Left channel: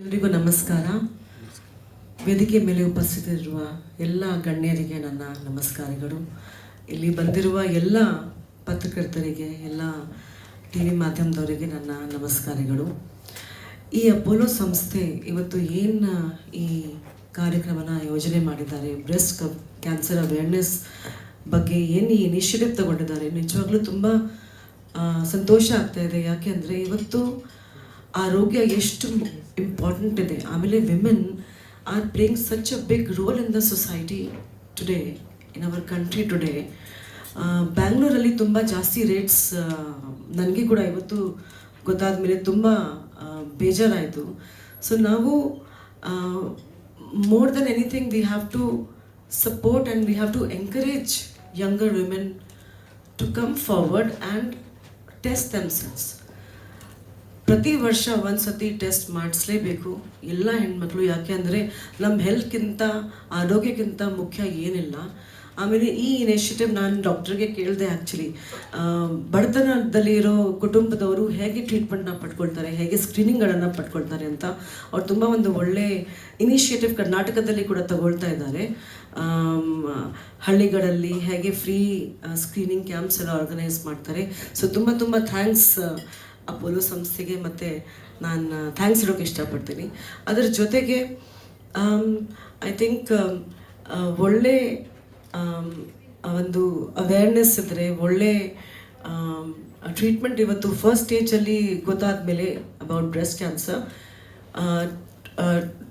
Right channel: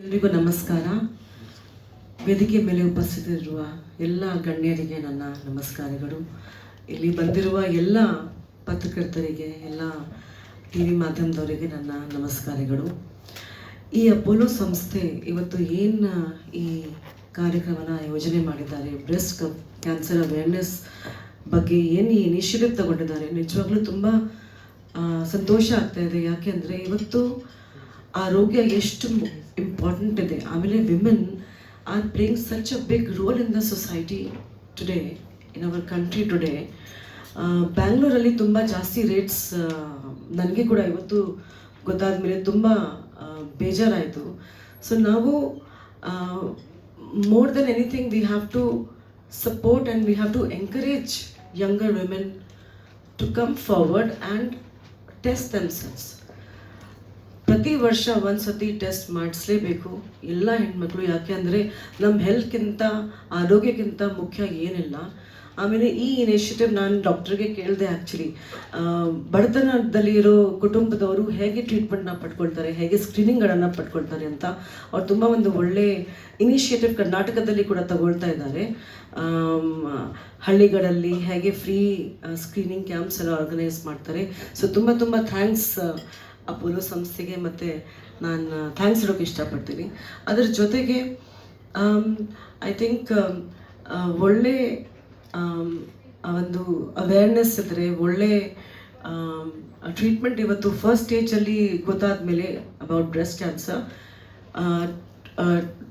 ಎಲ್ಲರಿಗೂ ನಮಸ್ಕಾರ. ವೇದಿಕೆ ಮೇಲೆ ಉಪಸ್ಥಿತರಿರುವ ಎಲ್ಲ ಗಣ್ಯರಿಗೆ ನನ್ನ ನಮಸ್ಕಾರಗಳು. ಇಲ್ಲಿ ಬಂದಿರುವ ಎಲ್ಲ ಪತ್ರಕರ್ತರಿಗೆ, ಎಲ್ಲ ಟಿ ವಿ ಮಾಧ್ಯಮದವರಿಗೆ ನನ್ನ ನಮಸ್ಕಾರಗಳು. ಈ ಅಪೋಲೋ ಸಂಸ್ಥೆ ಇವತ್ತು ಏನು ಈ ಕಾರ್ಯಕ್ರಮನ ಯೋಜನೆ ಮಾಡಿದ್ದಾರೆ, ಬ್ರೆಸ್ಟ್ ಕ್ಯಾನ್ಸರ್ ಅವೇರ್ನೆಸ್ ಬಗ್ಗೆ ಏನು ಈ ಇನಿಷಿಯೇಟಿವ್ ತಗೊಂಡಿದ್ದಾರೆ, ನಿಜವಾಗ್ಲೂ ತುಂಬ ಸಂತೋಷ ಆಗ್ತಾ ಇದೆ. ಯಾಕೆಂದರೆ ಇವತ್ತು ಆರೋಗ್ಯ ಎಷ್ಟು ಇಂಪಾರ್ಟೆಂಟ್ ಇದೆ. ಆಮೇಲೆ women are playing such a big role in the society today, in our country today. ಬ್ಯಾಂಗ್ಳೂರಲ್ಲಿ ತುಂಬ ಜಾಸ್ತಿ ರೇಟ್ಸ್ ನನಗೆ ಕೂಡ ಇವತ್ತು ಗೊತ್ತಾದ ಮೇಲೆ ತುಂಬ ಬೇಜಾರಾಯಿತು. ಸೊ ನಾವು more than anything we have to support and we have to encourage younger women to come forward and test themselves. ಪ್ರತಿ ವರ್ಷ ಒಂದು ಸತಿ ಟೆಸ್ಟ್ ಮಾಡಿಸ್ಲೇಬೇಕು ಎಲ್ಲ ಹೆಣ್ಮಕ್ಳು. ಯಾಕೆ ಅಂದರೆ ನಮ್ಮ ಹೆಲ್ತ್ಗಿಂತ, ಆರೋಗ್ಯಕ್ಕಿಂತ ಮುಖ್ಯ ಏನಿಲ್ಲ. ಆಮೇಲೆ ಈ ಇನಿಷಿಯೇಟಿವ್ ನಾನು ಡಾಕ್ಟ್ರಿಗೆ ಕೇಳಿದೆ. ಆ್ಯಕ್ಚುಲಿ ಬಡತನದಲ್ಲಿ ಇರೋ ಕುಟುಂಬದವರು ಹೇಗೆ ಟ್ರೀಟ್ಮೆಂಟ್ನ ಪಡ್ಕೊಳ್ತಾರೆ, ಹೇಗೆ ಸ್ಕ್ರೀನಿಂಗ್ಗಳನ್ನು ಪಡ್ಕೊಳ್ತಾರೆ ಅಂತ ಅವ್ರು ತುಂಬ ಒಂದು ಒಳ್ಳೆ ಇನಿಷಿಯೇಟಿವ್ ಕರ್ನಾಟಕದಲ್ಲಿ ಕೂಡ ತಗೊಳ್ತಾ ಇದ್ದಾರೆ. ಹಳ್ಳಿಗಳಲ್ಲಿ ಹೇಗೆ ಫ್ರೀ ಸ್ಕ್ರೀನಿಂಗ್ ಕ್ಯಾಂಪ್ಸ್ ಎಲ್ಲ ಆರ್ಗನೈಸ್ ಮಾಡ್ತಾರೆ. ಸೊ ತುಂಬ ತುಂಬ ಥ್ಯಾಂಕ್ಸ್ ಅಪೋಲೋ ಸಂಸ್ಥೆಗೆ, ಮತ್ತು ನಾನು ಥ್ಯಾಂಕ್ಸ್ ಹೇಳೋಕ್ಕೆ ಇಷ್ಟಪಡ್ತೀನಿ. ಅದರ ಜೊತೆಗೆ ಐ ಥಿಂಕ್ ಒಳ್ಳೆ ಒಂದು ಅವೇರ್ನೆಸ್ ಇದ್ದರೆ, ಒಳ್ಳೆ ಟ್ರೀಟ್ಮೆಂಟ್ ಇವತ್ತು ಫಸ್ಟ್ ಸ್ಟೇಜಲ್ಲಿ ಗೊತ್ತಾದ ಮೇಲೆ about breast cancer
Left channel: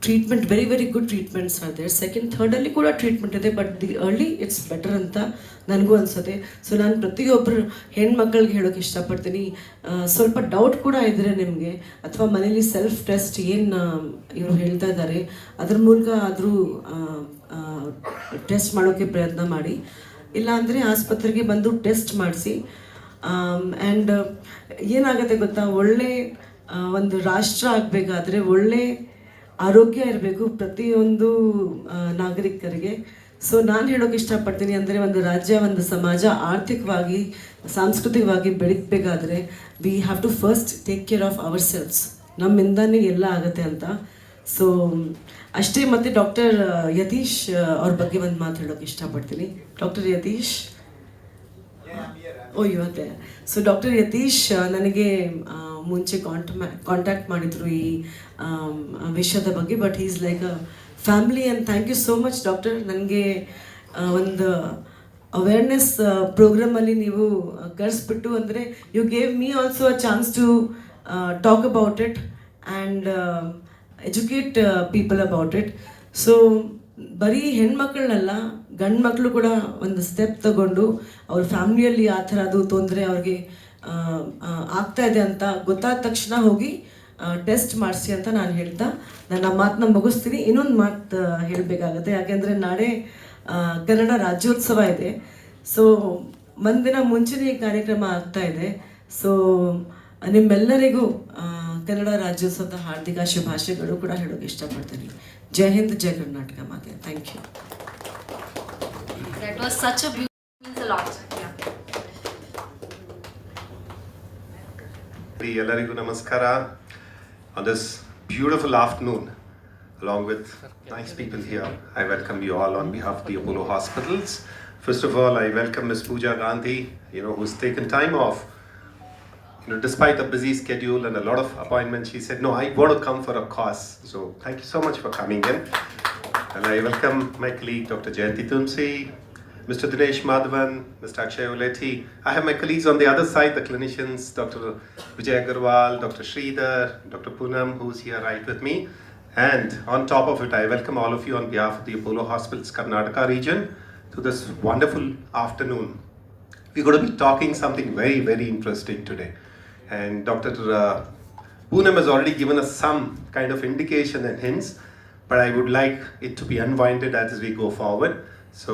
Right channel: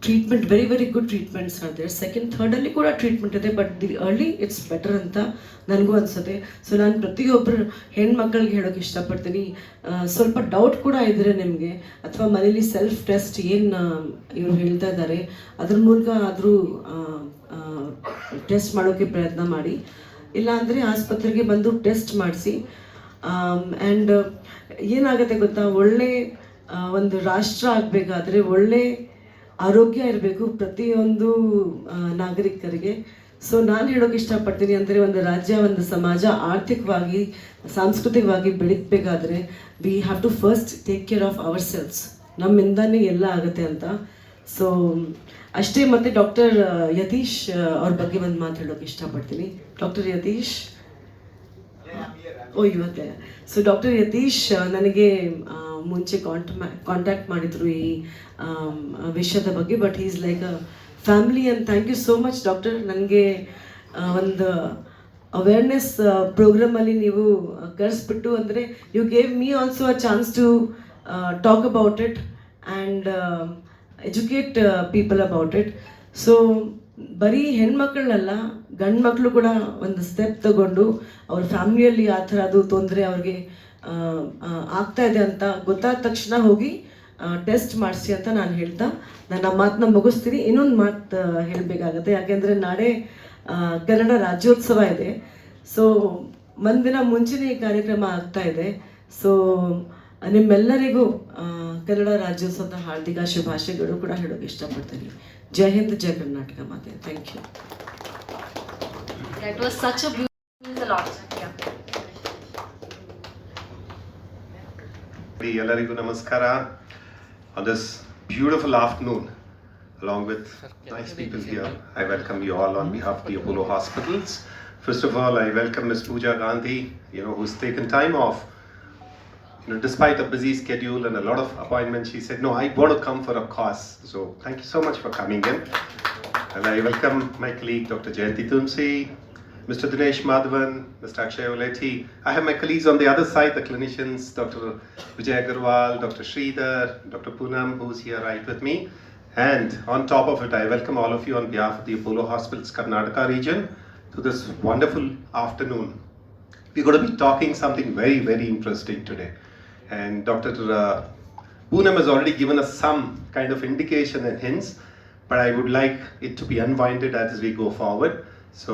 treatment, very very good treatments are there. Second ಥರ್ಡಲ್ಲಿ ಕೂಡ ಟ್ರೀಟ್ಮೆಂಟ್ ಇದೆ, but the early it's better ಅಂತ ನನಗೂ ಅನಿಸುತ್ತೆ. ಸೊ ನಾನು ಪ್ರತಿಯೊಬ್ಬರು ಹೆಣ್ಮಕ್ಳಿಗೆ ಹೇಳೋಕ್ಕೆ ಇಷ್ಟಪಡ್ತೀನಿ, ಸ್ವಲ್ಪ ಡೌಟ್ ಕೂಡ ಇದ್ದರೆ ನಿಮಗೆ, ಅಥವಾ ಮನೇಲಿ ಸೆಲ್ಫ್ ಟೆಸ್ಟ್ ಏನು ಇವರು ಹೇಳ್ತಾ ಇದ್ದಾರೆ ಅದ್ರ ಮೂಲಕ ಆದರೂ ಟೆಸ್ಟ್ ಮಾಡೋಕ್ಕೆ ಪ್ರಯತ್ನ ಮಾಡಿ. ಇಲ್ಲಾಂದರೆ ಆಸ್ಪತ್ರೆಗೆ ಬಂದು ಟೆಸ್ಟ್ ಮಾಡಿಸಿ. ಆ್ಯಂಡ್ ಏನಾಗುತ್ತೆ ಗೊತ್ತಾ, ಒಳ್ಳೆ ಒಂದು ರಾಷ್ಟ್ರ ಆಗಬೇಕಾದ್ರೆ ಒಳ್ಳೆ ಆರೋಗ್ಯ ಇರಬೇಕು ಪ್ರತಿಯೊಂದು ನಾಗರಿಕರಿಗೆ. ಸೊ ನಾನು ಹೇಳೋಕೆ ಇಷ್ಟಪಡ್ತೀನಿ ಅಂದರೆ, ಒಂದು ರಾಜ್ಯ, ಒಂದು ಸಮಾಜ ಆರ್ಥಿಕವಾಗಿ, ಸಾಂಸ್ಕೃತಿಕವಾಗಿ ಬೆಳೀಬೇಕಾದ್ರೆ we have to first take care of our selves. ನಮ್ಮಿಂದನೇ ಎಲ್ಲ ಆಗುತ್ತೆ ಅಂತ. ಸೊ ಅಷ್ಟೇ. ಮತ್ತು ಡಾಕ್ಟರ್ ಯತೀಶ್ ಅವ್ರ ಬಗ್ಗೆ ಒಂದು ಮಾತು ಹೇಳೋಕೆ ಇಷ್ಟಪಡ್ತೀನಿ. ಡಾಕ್ಟರ್ ಯತೀಶ್, ಇವತ್ತೆ. ಸೊ ಡಾಕ್ಟರ್ ಯತೀಶ್ ನನಗೆ ಮುಂಚೆ ಕಾಂಟ್ಯಾಕ್ಟ್ ಮಾಡಿದ್ರು ಈ ವಿಷಯದ ಬಗ್ಗೆ, but is like a family. And thank you so much doctor. ನನಗೆ ಒಂದು ಅವೇರ್ನೆಸ್ ಪ್ರೋಗ್ರಾಮಲ್ಲಿ ನೀವು ಕರೆಸ್ಬಿಟ್ಟು, ಅಂದರೆ you gave me also a chance to talk about it and educate people about it. So ಬರೀ ಹೆಣ್ಮಕ್ಳನ್ನಲ್ಲ, ಗಂಡು ಮಕ್ಕಳು ಕೂಡ ಒಂದು ಸ್ಟೆಪ್ ತಗೊಂಡು ಅವ್ರ ಫ್ಯಾಮಿಲಿಯಲ್ಲಿ ಆ ಥರ ಅದು ತೊಂದರೆ ಅವ್ರಿಗೆ ಆಗ್ತಾ ಇದೆ ಅಂತ ಗೊತ್ತಾದ ತಕ್ಷಣ ಹೋಗಿ ಟೆಸ್ಟ್ ಮಾಡಿಸಿ ಅಂತ ನಾನು ಹೇಳ್ತಾ ನನ್ನ ಮಾತನ್ನ ಮುಗಿಸ್ತೀನಿ. ಇನ್ನೊಂದು ಮಾತು ಹೇಳಬೇಕಾಗುತ್ತೆ, ಯಾಕೆಂದರೆ ನಾಳೆ ಕನ್ನಡ ರಾಜ್ಯೋತ್ಸವ ಇದೆ. ಸೊ ಒಂದಿನ ಮುಂಚೆನೇ ಈ ಕಾರ್ಯಕ್ರಮ ಆಗ್ತಾ ಇದೆ. ಸೊ ನಿಮ್ಮೆಲ್ಲರಿಗೂ ಕನ್ನಡ ರಾಜ್ಯೋತ್ಸವದ ಹಾರ್ದಿಕ ಶುಭಾಶಯಗಳು ಕೂಡ ಹೇಳೋಕೆ ಇಷ್ಟಪಡ್ತೀನಿ. ಜೈ ಹಿಂದ್, ಜೈ ಕರ್ನಾಟಕ ಮಾತೆ. Thank you. That was such a beautiful, means a lot. ಎಲ್ಲರಿಗೂ ನಮಸ್ಕಾರ. On this beautiful afternoon, along with nice people here, I welcome you all on behalf of the Apollo Hospitals. First of all, I welcome Ms. Pooja Gandhi, who's taken time off. Despite a busy schedule and a lot of appointments, she said, no, I want to come for a cause. So thank you so much for coming in. And I welcome my colleague, Dr. Jayanti Tumsi, Mr. Dinesh Madhavan, Mr. Akshay Oleti. I have my colleagues on the other side, the clinicians, Dr. Vijay Agarwal, Dr. Sridhar, Dr. Poonam, who's here right with me. And on top of it, I welcome all of you on behalf of the Apollo Hospitals Karnataka region to this wonderful afternoon. We're going to be talking something very, very interesting today. And Dr. Poonam has already given us some kind of indication and hints, but I would like it to be unwinded as we go forward. So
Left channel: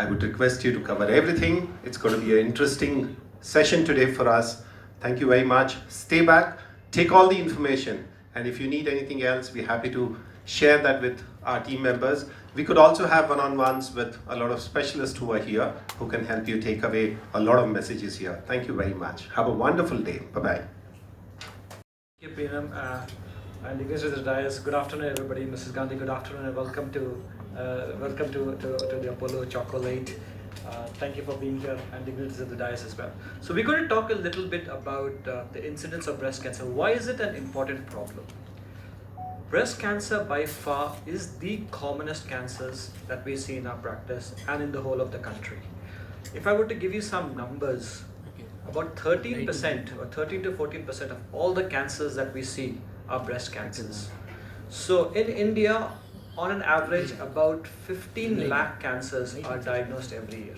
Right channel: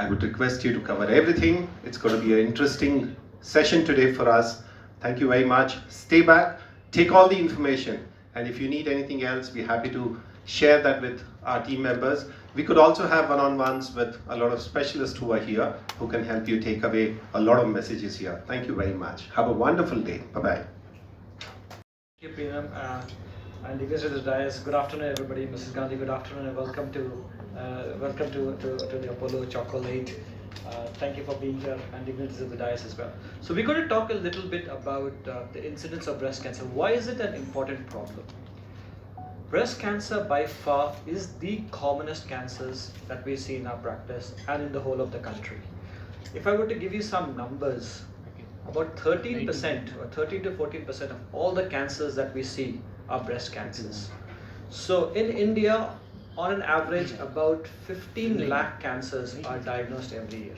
I would request you to cover everything. It's going to be an interesting session today for us. Thank you very much. Stay back, take all the information, and if you need anything else, we're happy to share that with our team members. We could also have one-on-ones with a lot of specialists who are here who can help you take away a lot of messages here. Thank you very much. Have a wonderful day. Bye-bye. Thank you, Priyam. And English with the dais. Good afternoon, everybody. Mrs. Gandhi, good afternoon, and welcome to the Apollo Chocolate. Thank you for being here, and English with the dais as well. So we're going to talk a little bit about the incidence of breast cancer. Why is it an important problem? Breast cancer by far is the commonest cancers that we see in our practice and in the whole of the country. If I were to give you some numbers, about 13% or 13 to 14% of all the cancers that we see are breast cancers. So in India, on an average, about 15 lakh cancers are diagnosed every year,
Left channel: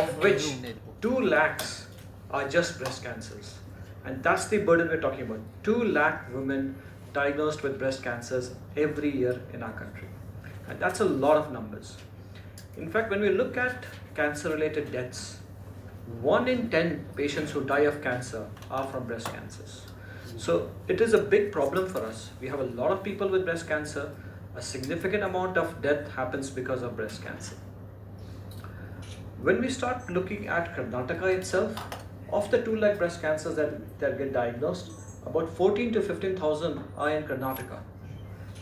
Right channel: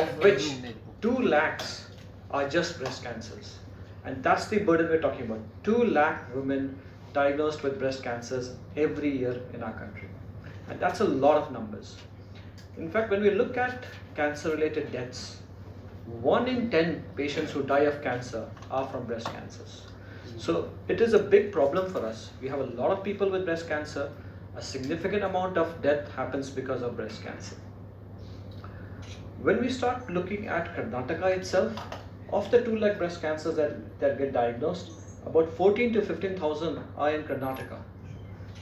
of which 2 lakhs are just breast cancers. And that's the burden we're talking about. 2 lakh women diagnosed with breast cancers every year in our country. And that's a lot of numbers. In fact, when we look at cancer-related deaths, 1 in 10 patients who die of cancer are from breast cancers. So it is a big problem for us. We have a lot of people with breast cancer. A significant amount of death happens because of breast cancer. When we start looking at Karnataka itself, of the 2 lakh breast cancers that get diagnosed, about 14 to 15,000 are in Karnataka,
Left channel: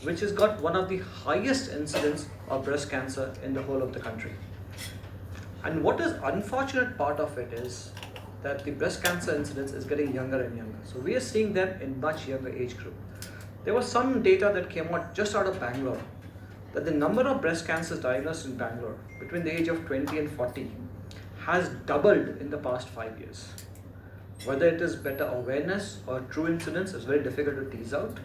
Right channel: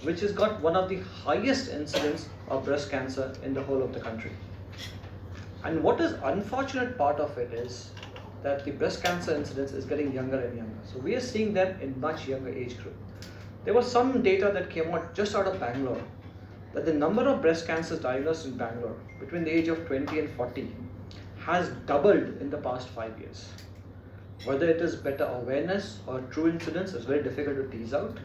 which has got one of the highest incidence of breast cancer in the whole of the country. And what is unfortunate part of it is that the breast cancer incidence is getting younger and younger. So we are seeing them in much younger age group. There was some data that came out just out of Bangalore that the number of breast cancers diagnosed in Bangalore between the age of 20 and 40 has doubled in the past 5 years. Whether it is better awareness or true incidence is very difficult to tease out,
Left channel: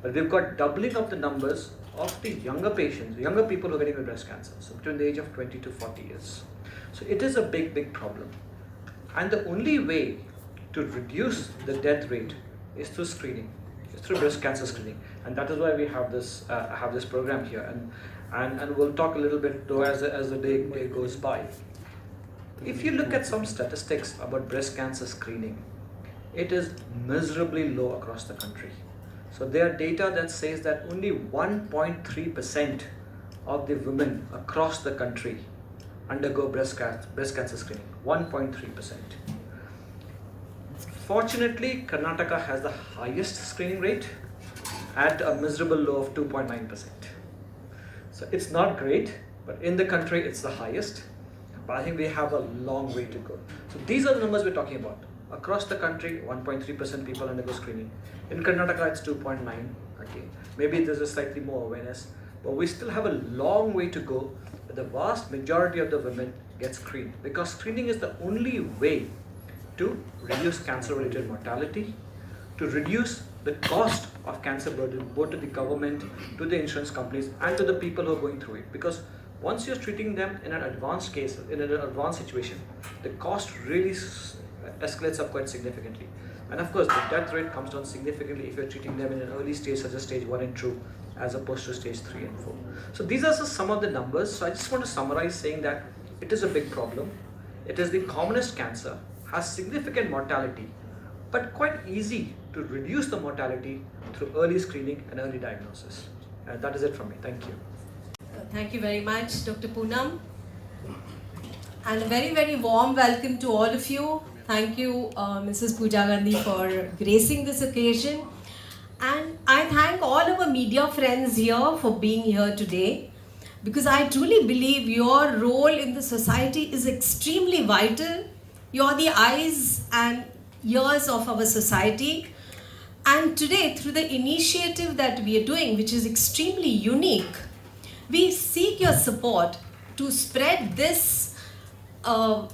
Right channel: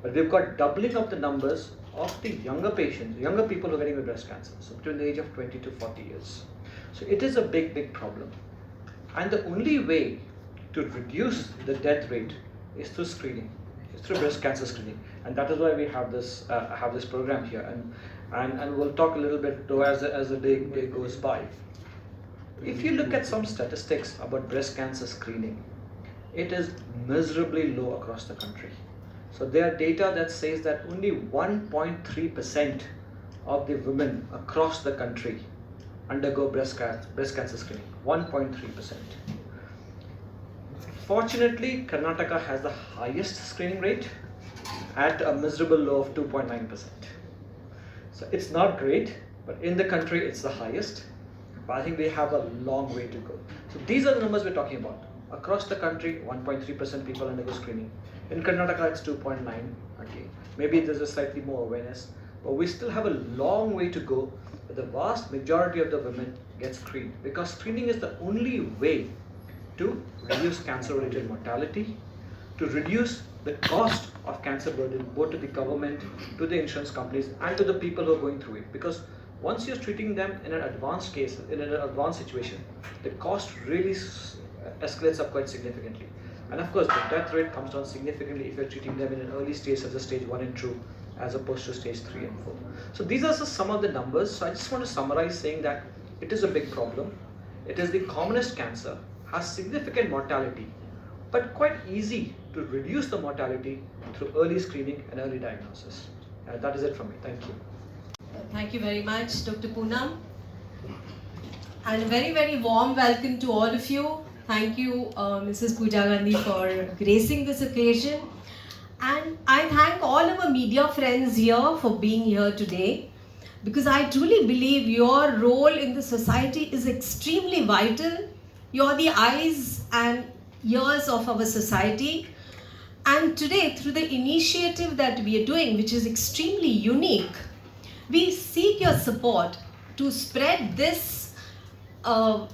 but we've got doubling of the numbers of the younger patients, younger people who are getting breast cancer, so between the age of 20 to 40 years. So it is a big problem. And the only way to reduce the death rate is through screening, it's through breast cancer screening, and that is why we have this program here. And we'll talk a little bit though as the day goes by. If you look at some statistics about breast cancer screening, it is miserably low across the country. So there are data that says that only 1.3% of the women across the country undergo breast cancer screening. 1.3%. Fortunately, Karnataka has the highest screening rate at a miserable low of 2.9%. So it's not great, but in the country it's the highest. But I think we have a long way to go. So these are the numbers we're talking about. Across the country, 1.3% people undergo screening. In Karnataka, it's 2.9. Okay, maybe there's a slightly more awareness, but we still have a long way to go. The vast majority of the women get screened because screening is the only way to reduce cancer-related mortality, to reduce the cost of cancer burden both to the government, to the insurance companies, and to the people who are going through it. Because once you're treating them in an advanced case, in an advanced situation, the cost really escalates up quite significantly. And of course, the death rate comes down significantly if you're treating them in an early stage such as stage 1 and 2, as opposed to stage 3 and 4. So these are just some of the numbers. So I just want to summarize saying that it is a big problem. It is the commonest cancer, has significant mortality, but quite easy to reduce the mortality through early screening and early diagnosis. That is it from me. Thank you. Thank you very much, Dr. Poonam. And a very warm welcome to all of you. Thank you, Mrs. Pooja Gandhi, for gracing this occasion. And I thank all our media friends here for being here today, because I truly believe your role in the society is extremely vital. You're the eyes and ears of our society. And today, through the initiative that we are doing, which is extremely unique, we seek your support to spread this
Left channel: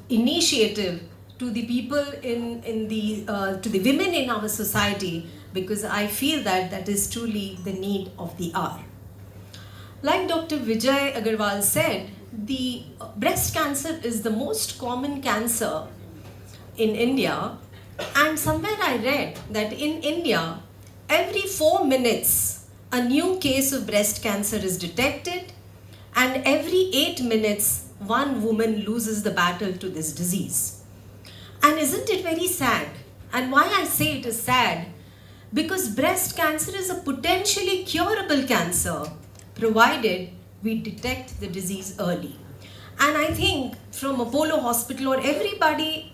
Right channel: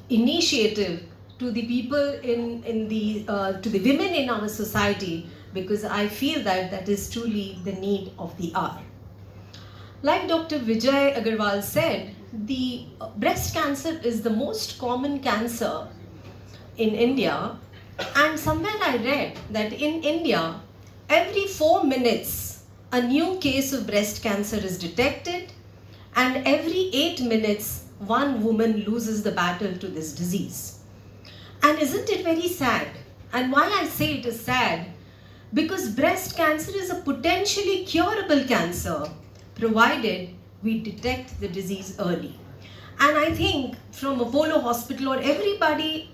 initiative to the people to the women in our society, because I feel that that is truly the need of the hour. Like Dr. Vijay Agarwal said, the breast cancer is the most common cancer in India, and somewhere I read that in India, every 4 minutes, a new case of breast cancer is detected, and every 8 minutes, one woman loses the battle to this disease. And isn't it very sad? And why I say it is sad? Because breast cancer is a potentially curable cancer, provided we detect the disease early. And I think from Apollo Hospital or everybody,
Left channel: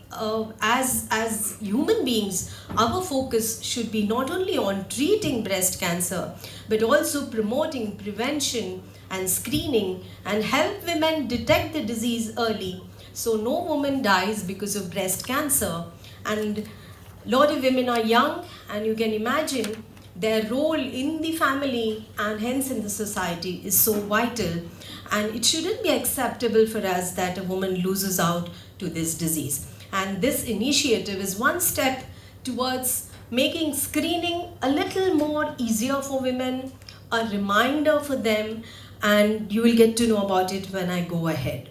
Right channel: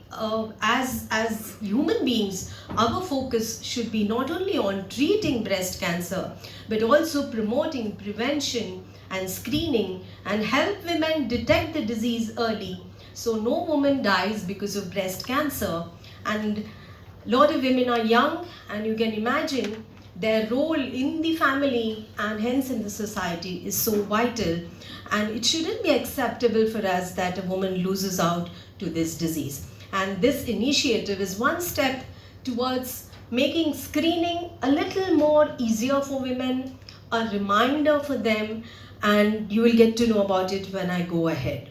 as human beings, our focus should be not only on treating breast cancer, but also promoting prevention and screening and help women detect the disease early so no woman dies because of breast cancer. And a lot of women are young, and you can imagine their role in the family and hence in the society is so vital, and it shouldn't be acceptable for us that a woman loses out to this disease. And this initiative is one step towards making screening a little more easier for women, a reminder for them, and you will get to know about it when I go ahead.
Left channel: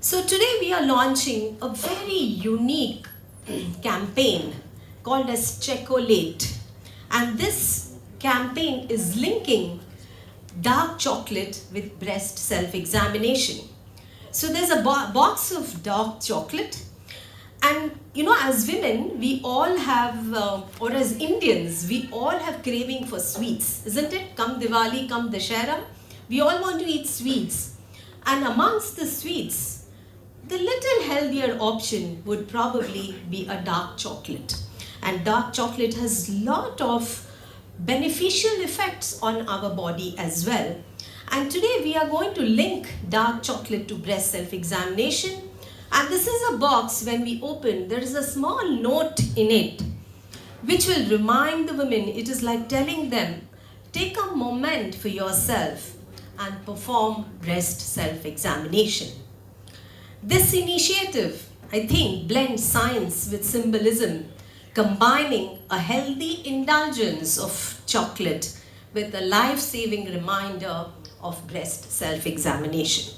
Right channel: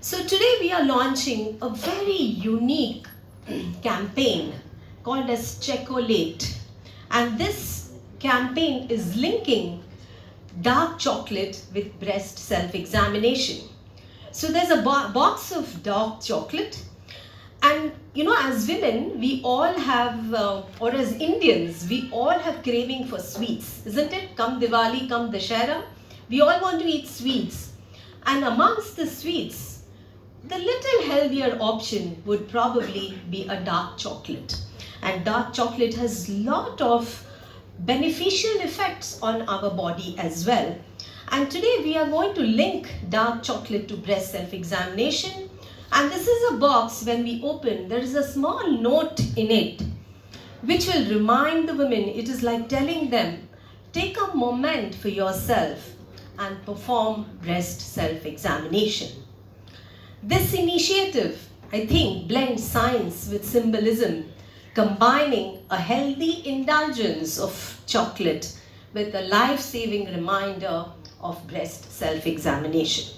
So today we are launching a very unique campaign called as Chocolate, and this campaign is linking dark chocolate with breast self-examination. So there's a box of dark chocolate, and as women we all have, or as Indians we all have craving for sweets, isn't it? Come Diwali, come Dashera, we all want to eat sweets, and amongst the sweets, the little healthier option would probably be a dark chocolate. And dark chocolate has lot of beneficial effects on our body as well. And today we are going to link dark chocolate to breast self-examination. And this is a box, when we open, there is a small note in it which will remind the women, it is like telling them, take a moment for yourself and perform breast self-examination. This initiative, I think, blends science with symbolism, combining a healthy indulgence of chocolate with a life-saving reminder of breast self-examination.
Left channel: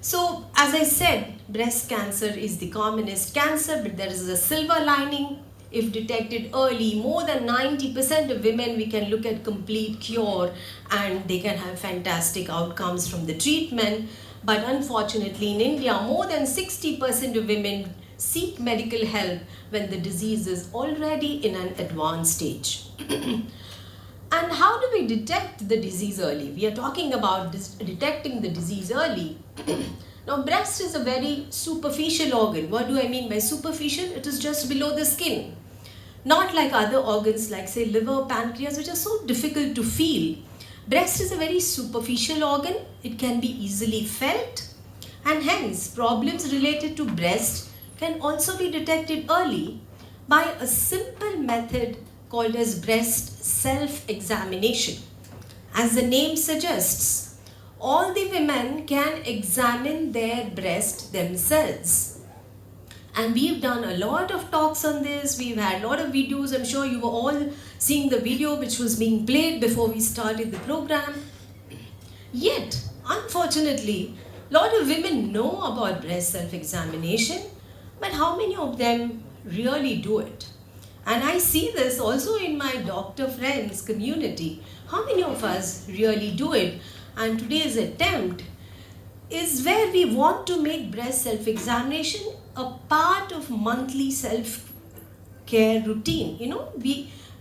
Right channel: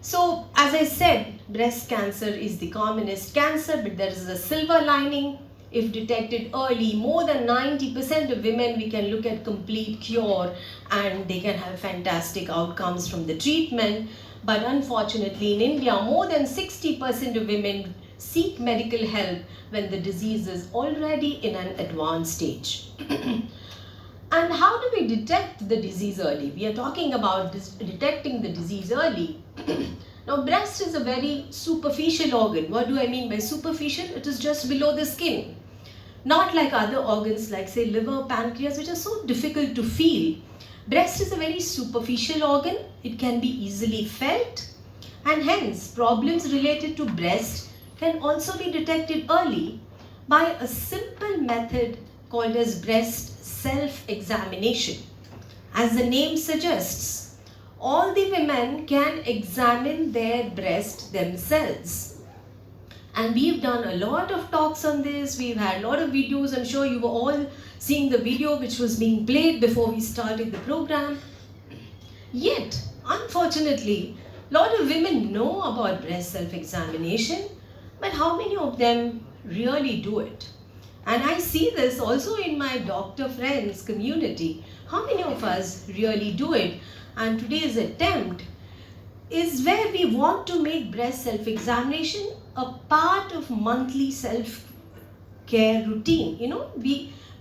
So, as I said, breast cancer is the commonest cancer, but there is a silver lining. If detected early, more than 90% of women, we can look at complete cure and they can have fantastic outcomes from the treatment. But unfortunately, in India, more than 60% of women seek medical help when the disease is already in an advanced stage. And how do we detect the disease early? We are talking about detecting the disease early. Now, breast is a very superficial organ. What do I mean by superficial? It is just below the skin. Not like other organs like, say, liver, pancreas, which are so difficult to feel. Breast is a very superficial organ. It can be easily felt, and hence problems related to breast can also be detected early by a simple method called as breast self-examination. As the name suggests, all the women can examine their breast themselves. And we've done a lot of talks on this. We've had a lot of videos. I'm sure you were all seeing the video which was being played before we started the program. Yet, unfortunately, a lot of women know about breast self-examination, but how many of them really do it? And I see this also in my doctor friends community. How many of us really do it? And today's attempt is where we want to make breast self-examination a part of monthly self-care routine.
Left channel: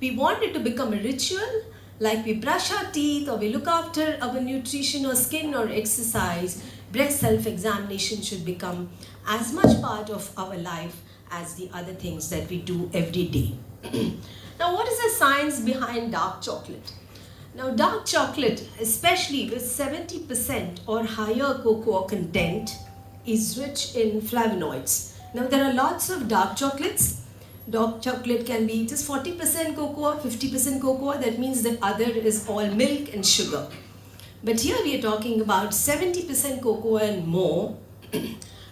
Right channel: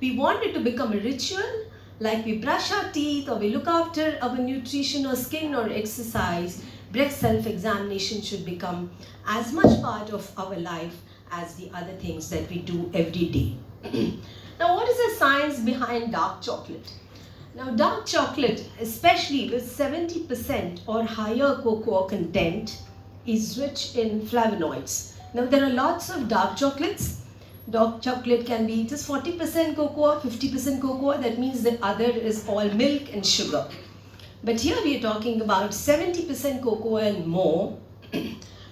We want it to become a ritual, like we brush our teeth or we look after our nutrition or skin or exercise. Breast self-examination should become as much part of our life as the other things that we do every day. Now, what is the science behind dark chocolate? Now, dark chocolate, especially with 70% or higher cocoa content, is rich in flavonoids. Now, there are lots of dark chocolates. Dark chocolate can be just 40% cocoa, 50% cocoa. That means the other is all milk and sugar. But here we are talking about 70% cocoa and more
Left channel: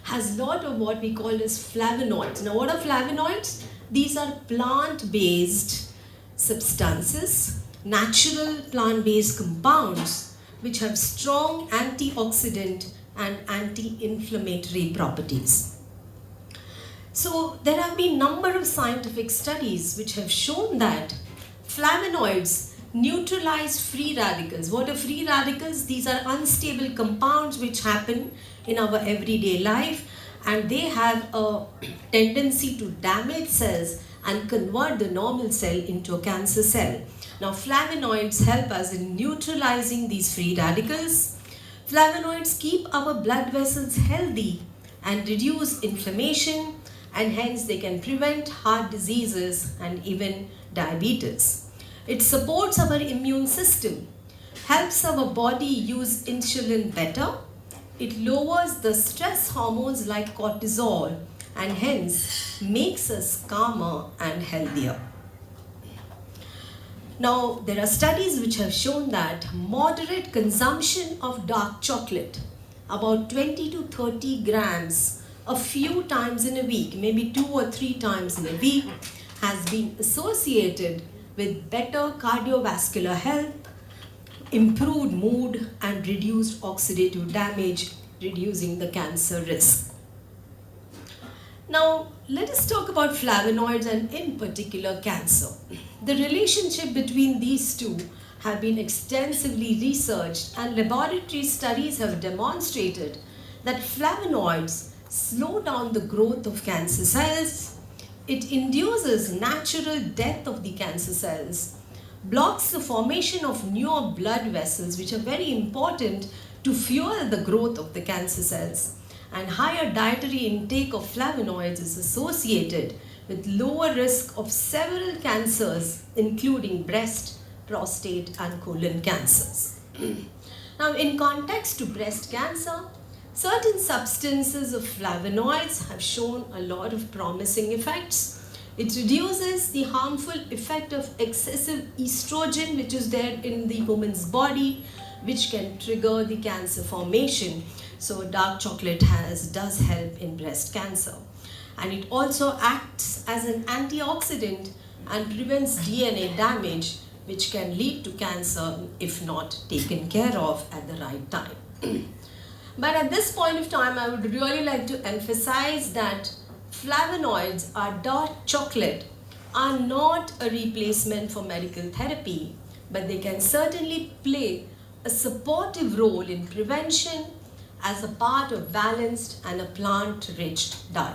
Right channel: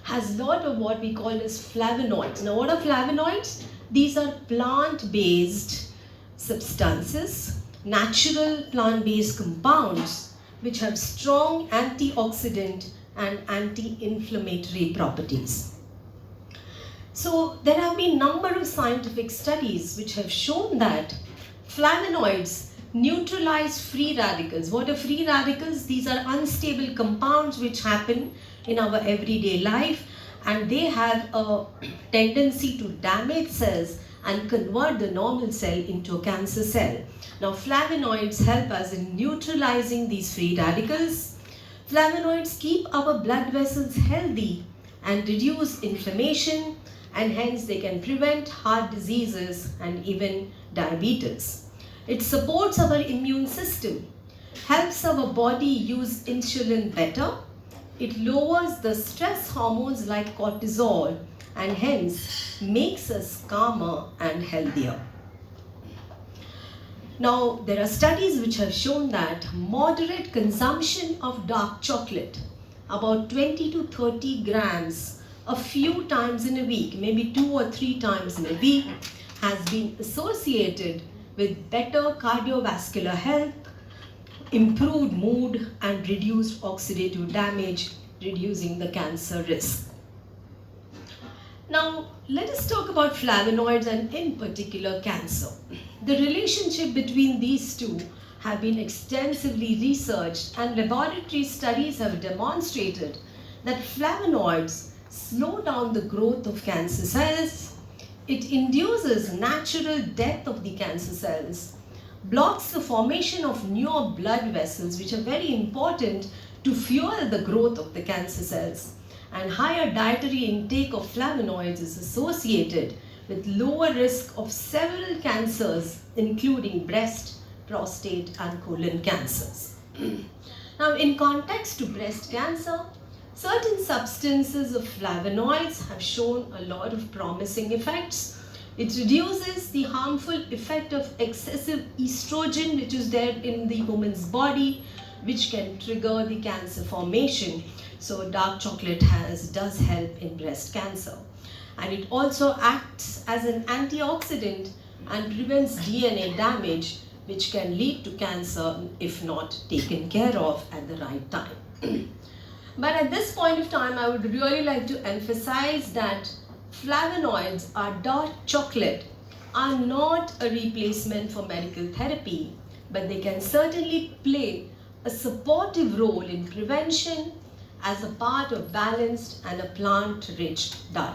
has a lot of what we call as flavonoids. Now, what are flavonoids? These are plant-based substances, natural plant-based compounds which have strong antioxidant and anti-inflammatory properties. So there have been a number of scientific studies which have shown that flavonoids neutralize free radicals. What are free radicals? These are unstable compounds which happen in our everyday life, and they have a tendency to damage cells and convert the normal cell into a cancer cell. Now, flavonoids help us in neutralizing these free radicals. Flavonoids keep our blood vessels healthy and reduce inflammation, and hence they can prevent heart diseases and even diabetes. It supports our immune system, helps our body use insulin better. It lowers the stress hormones like cortisol and hence makes us calmer and healthier. Now, there are studies which have shown that moderate consumption of dark chocolate, about 20 to 30 grams a few times in a week, maybe 2 or 3 times in a week, has been associated with better cardiovascular health, improved mood, and reduced oxidative damage, reducing the cancer risk. Now, let us talk about flavonoids and in particular cancer. The relationship between these two have been extensively researched, and laboratory studies have demonstrated that flavonoids slow down the growth of cancer cells, it induces natural death of the cancer cells, blocks the formation of newer blood vessels which are very important to fuel the growth of the cancer cells, and higher dietary intake of flavonoids is associated with lower risk of several cancers including breast, prostate and colon cancers. Now, in context to breast cancer, certain substances of flavonoids have shown a lot of promising effects. It reduces the harmful effect of excessive estrogen which is there in the woman's body, which can trigger the cancer formation. So dark chocolate does help in breast cancer. And it also acts as an antioxidant and prevents DNA damage, which can lead to cancer if not taken care of at the right time. But at this point of time, I would really like to emphasize that flavonoids or dark chocolate are not a replacement for medical therapy, but they can certainly play a supportive role in prevention as a part of balanced and a plant-rich diet.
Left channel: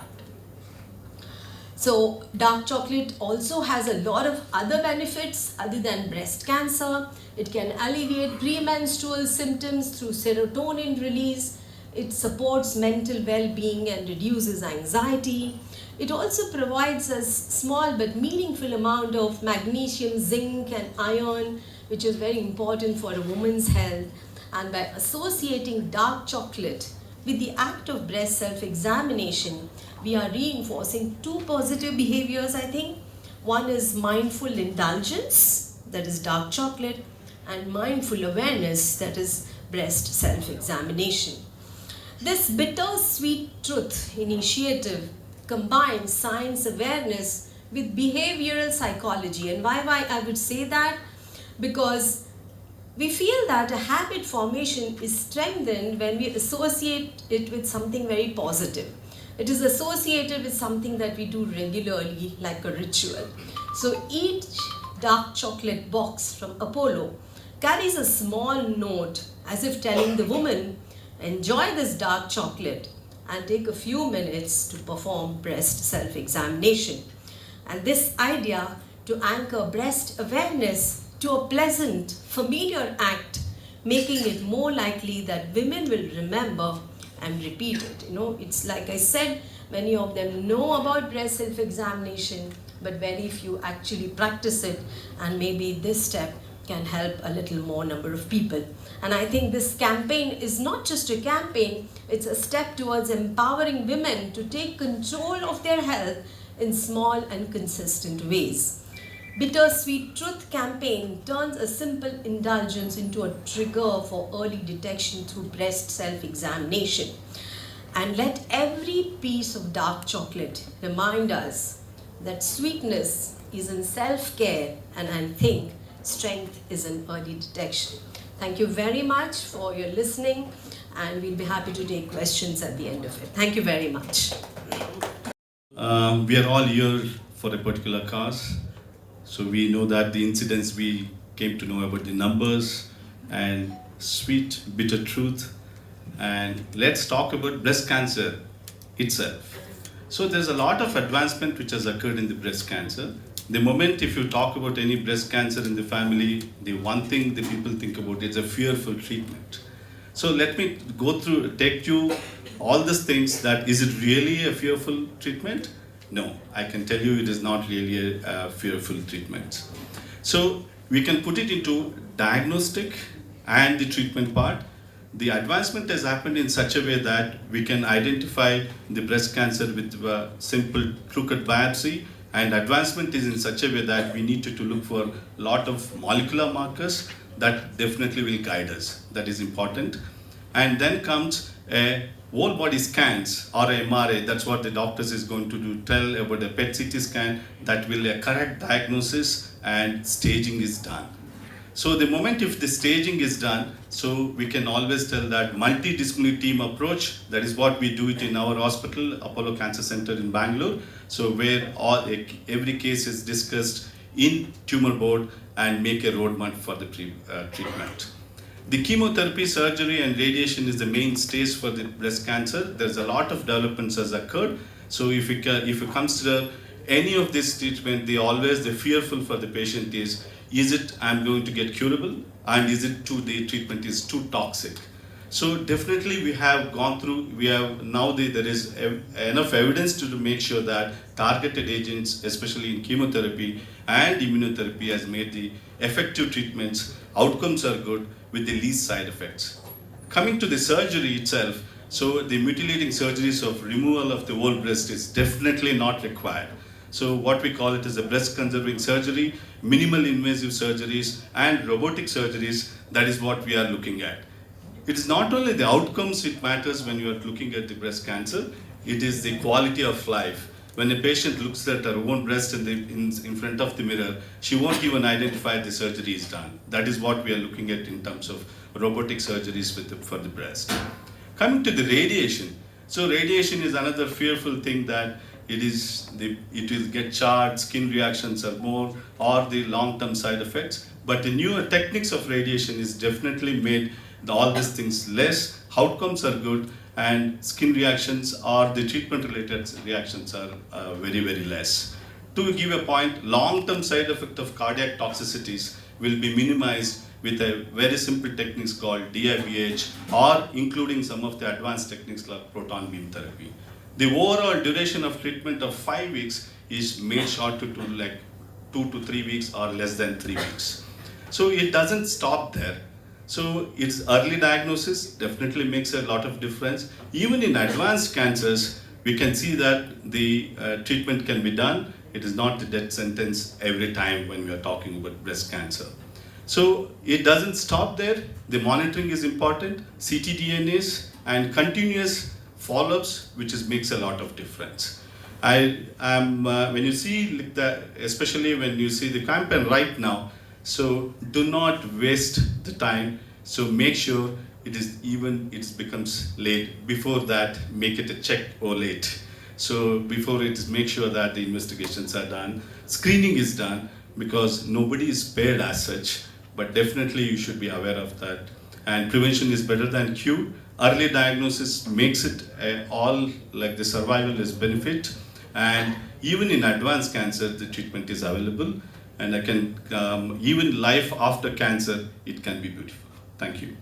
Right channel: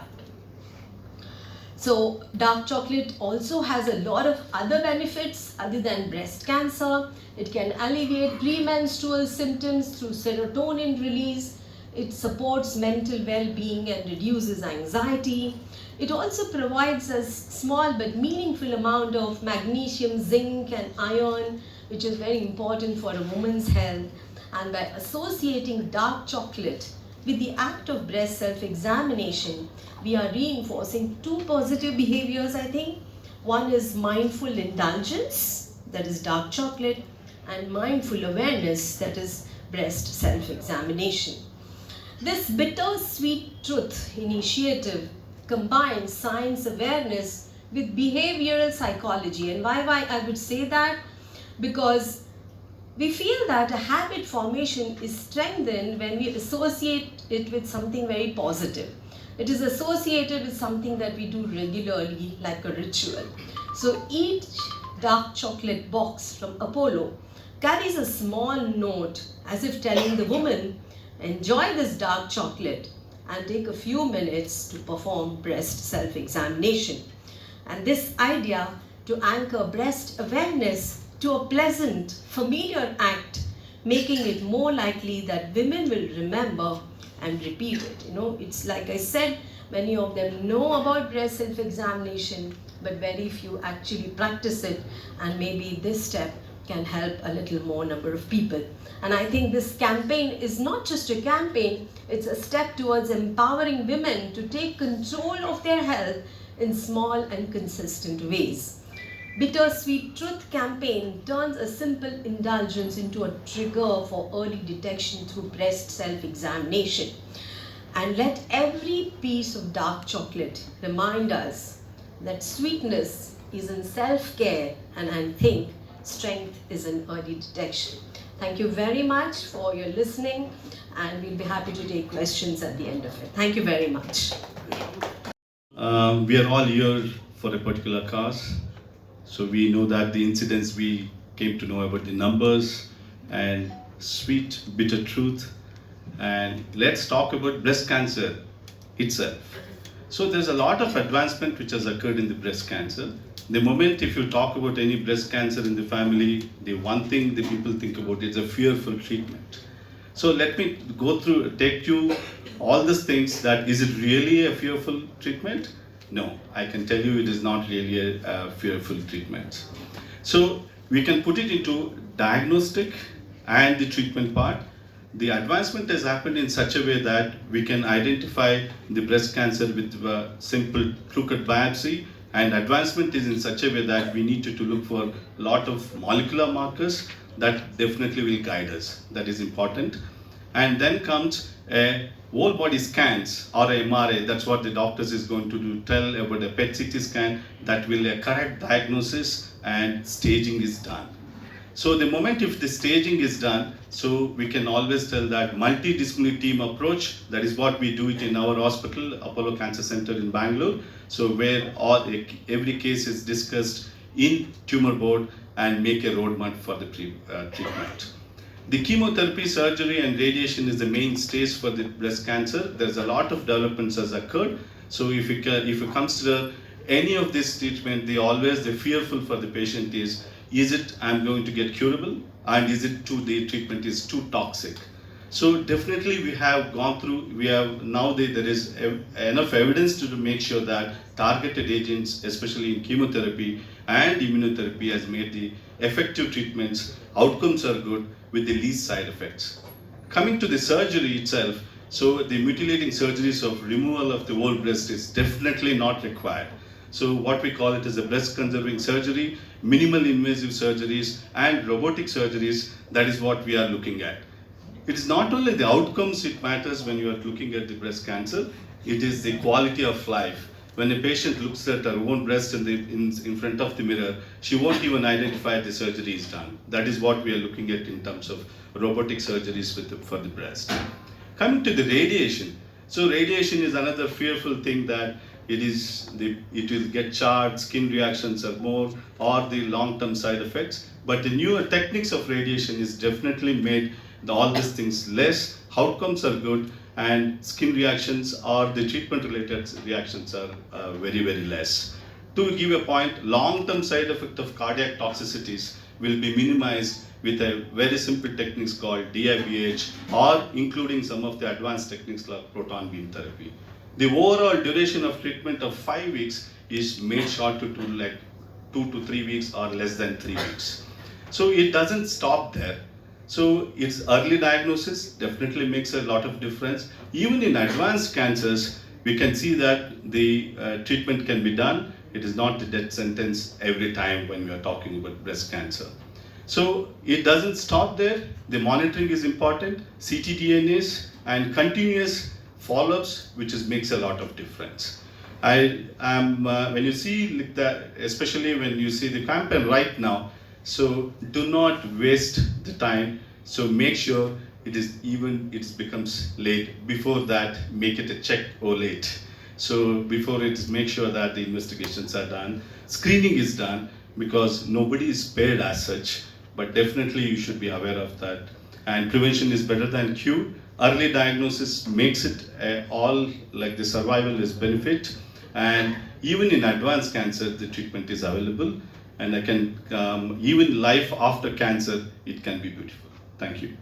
So dark chocolate also has a lot of other benefits other than breast cancer. It can alleviate premenstrual symptoms through serotonin release. It supports mental well-being and reduces anxiety. It also provides a small but meaningful amount of magnesium, zinc and iron, which is very important for a woman's health. And by associating dark chocolate with the act of breast self-examination, we are reinforcing two positive behaviors, I think. One is mindful indulgence, that is dark chocolate, and mindful awareness, that is breast self-examination. This bittersweet truth initiative combines science awareness with behavioral psychology. And why I would say that? Because we feel that a habit formation is strengthened when we associate it with something very positive. It is associated with something that we do regularly, like a ritual. So each dark chocolate box from Apollo carries a small note as if telling the woman, enjoy this dark chocolate and take a few minutes to perform breast self-examination. And this idea to anchor breast awareness to a pleasant, familiar act, making it more likely that women will remember and repeat it. It's like I said, many of them know about breast self-examination, but very few actually practice it, and maybe this step can help a little more number of people. And I think this campaign is not just a campaign, it's a step towards empowering women to take control of their health in small and consistent ways. Bittersweet Truth campaign turns a simple indulgence into a trigger for early detection through breast self-examination. And let every piece of dark chocolate remind us that sweetness is in self-care, and I think strength is in early detection. Thank you very much for your listening, and we'll be happy to take questions at the end of it. Thank you very much. We are all here for a particular cause. So we know that the incidents, we came to know about the numbers and sweet, bitter truth. And let's talk about breast cancer itself. So there's a lot of advancement which has occurred in the breast cancer. The moment if you talk about any breast cancer in the family, the one thing the people think about is a fearful treatment. So let me take you all these things. That is it really a fearful treatment? No, I can tell you it is not really a fearful treatment. So we can put it into diagnostic and the treatment part. The advancement has happened in such a way that we can identify the breast cancer with a simple crooked biopsy, and advancement is in such a way that we need to look for a lot of molecular markers that definitely will guide us. That is important. And then comes a whole body scans or a MRI. That's what the doctors is going to do, tell about a PET CT scan that will a correct diagnosis and staging is done. So the moment if the staging is done, so we can always tell that multidisciplinary team approach, that is what we do it in our hospital, Apollo Cancer Center in Bangalore. So where every case is discussed in tumor board and make a roadmap for the treatment. The chemotherapy, surgery and radiation is the main stage for the breast cancer. There's a lot of developments has occurred. So if you consider any of this treatment, the fearful for the patient is it I'm going to get curable, and is it the treatment is too toxic. So definitely we have gone through, there is enough evidence to make sure that targeted agents, especially in chemotherapy and immunotherapy, has made the effective treatments, outcomes are good with the least side effects. Coming to the surgery itself, so the mutilating surgeries of removal of the whole breast is definitely not required. So what we call it is a breast conserving surgery, minimal invasive surgeries and robotic surgeries, that is what we are looking at. It is not only the outcomes it matters when you are looking at the breast cancer, it is the quality of life. When a patient looks at her own breast in front of the mirror, she won't even identify the surgery is done. That is what we are looking at in terms of robotic surgeries for the breast. Coming to the radiation. So radiation is another fearful thing, that it will get charred, skin reactions are more, or the long-term side effects. But the newer techniques of radiation is definitely made all these things less, outcomes are good, and skin reactions or the treatment-related reactions are very, very less. To give a point, long-term side effect of cardiac toxicities will be minimized with a very simple techniques called DIBH, or including some of the advanced techniques like proton beam therapy. The overall duration of treatment of 5 weeks is made shorter to like 2 to 3 weeks or less than 3 weeks. So it doesn't stop there. So its early diagnosis definitely makes a lot of difference. Even in advanced cancers, we can see that the treatment can be done. It is not the death sentence every time when we are talking about breast cancer. So it doesn't stop there. The monitoring is important, ctDNAs and continuous follow-ups, which makes a lot of difference. I am when you see like that, especially when you see the campaign right now. So do not waste the time. So make sure it becomes late. Before that, make it a check or late. So before make sure that the investigations are done, screening is done, because nobody is spared as such. But definitely you should be aware of that. And prevention is better than cure. Early diagnosis makes it all like the survival is benefit. And even in advanced cancer, the treatment is available. And even life after cancer, it can be beautiful. Thank you.